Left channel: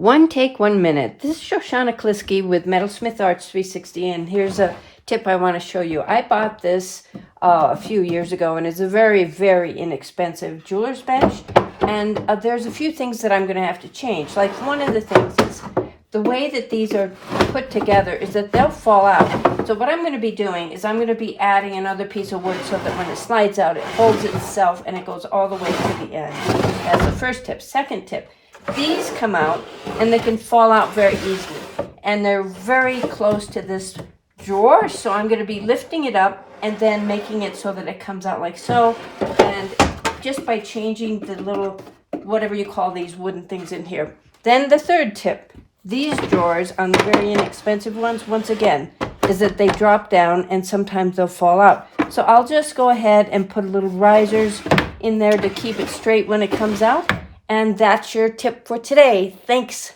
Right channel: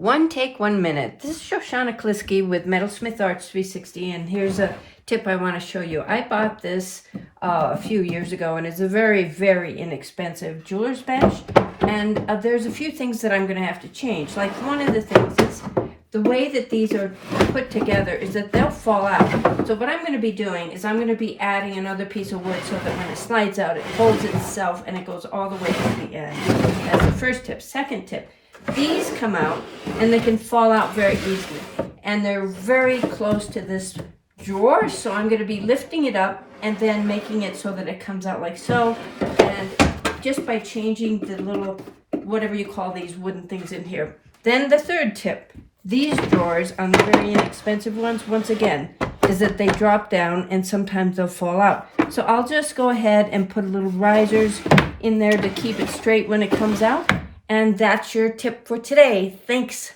One take, 1 minute. This is Shoshana Kliski with Metalsmith-Arts 360, and here's a tip I want to show you. I bought this a few years ago, and it's a very, very inexpensive jeweler's bench. And there's a few things that I'm going to have to change. Like one of the things is the way that these are put together is that they'll fall out. So what I'm going to be doing is I'm going to be adding another piece of wood so that when it slides out, it holds itself and it goes all the way to the end. That's the first tip. Second tip. These come out and they can fall out very easily, and they're very close to this drawer, so I'm going to be lifting it up and then making it so that it comes out like so. And just by changing the little whatever you call these wooden things in here. Then the third tip, these drawers on the very inexpensive ones, once again, is that they drop down and sometimes they'll fall out. So I'll just go ahead and put little risers in there to keep it straight when it comes out. And that's your tip for today. Thanks.